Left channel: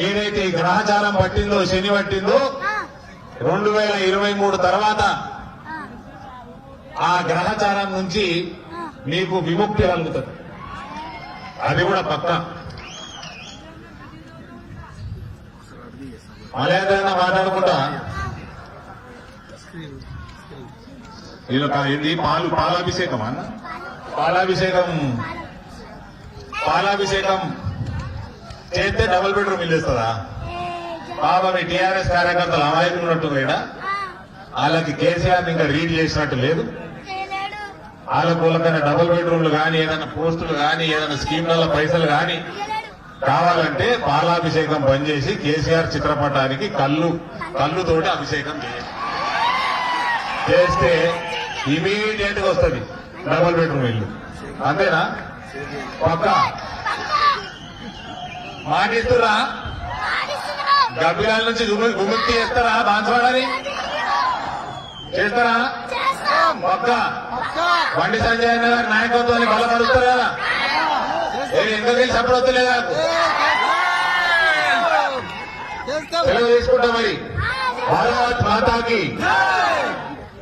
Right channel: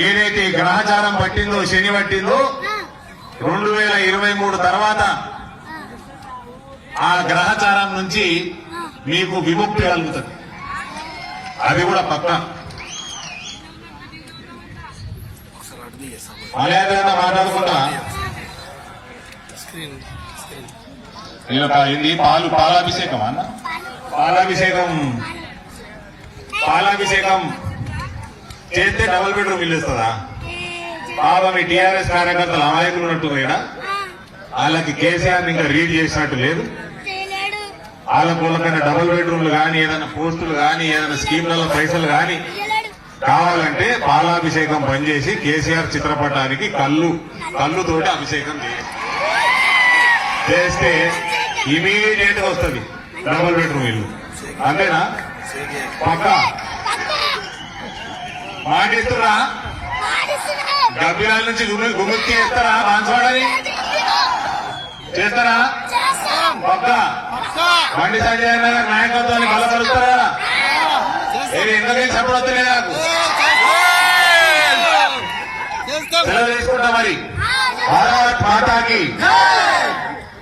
ఏదైతే గ్రహచారం పట్టిందో, శని పట్టిందో 2023 తర్వాత ఆ గ్రహచారం నుంచి మీకు విముక్తి కలుగుతుంది. అది కూడా పక్క మలయాళంగా మాట్లాడకుండా ఏంది పాలాభిషేకం అన్న, పాలాభిషేకం చేస్తే డబుల్ బెడ్రూమ్ ఇల్లు ఇస్తుందా? బాబా మీ టీఆర్ఎస్ కార్యకర్తలు అమాయకులు ఉన్నట్టు ఇక్కడ వాళ్ళకి కేసీఆర్ ఇంకా రీడ్ చేసినట్టు లేదు. వాళ్ళ మూలకైనా డబుల్ బెడ్రూమ్లు కానీ, ఏదైనా పోస్టులు కానీ, ఏదైనా స్కీమ్లలో పైసలు కానీ కావాలంటే పాలాభిషేకం బంద్ చేసి కేసీఆర్ చిత్రపటానికి కళ్ళుతోటి అభిషేకం చేస్తే ఇమీడియట్ గా వస్తుంది డబుల్ బెడ్రూమ్ ఇల్లు. అంతేనా? పక్క మాటిస్తున్నా? గబ్బిలాల నుంచి గుమ్మికి చేస్తారా? బాన్సవాడని చేస్తారా? పక్క బండి సంజయ్ గారి నాయకత్వాన్ని బలపరుస్తారా? ఎందుకని చెప్పడొద్దులే నాకు తీసుకుంటా మరి. భారత్ మాతాకి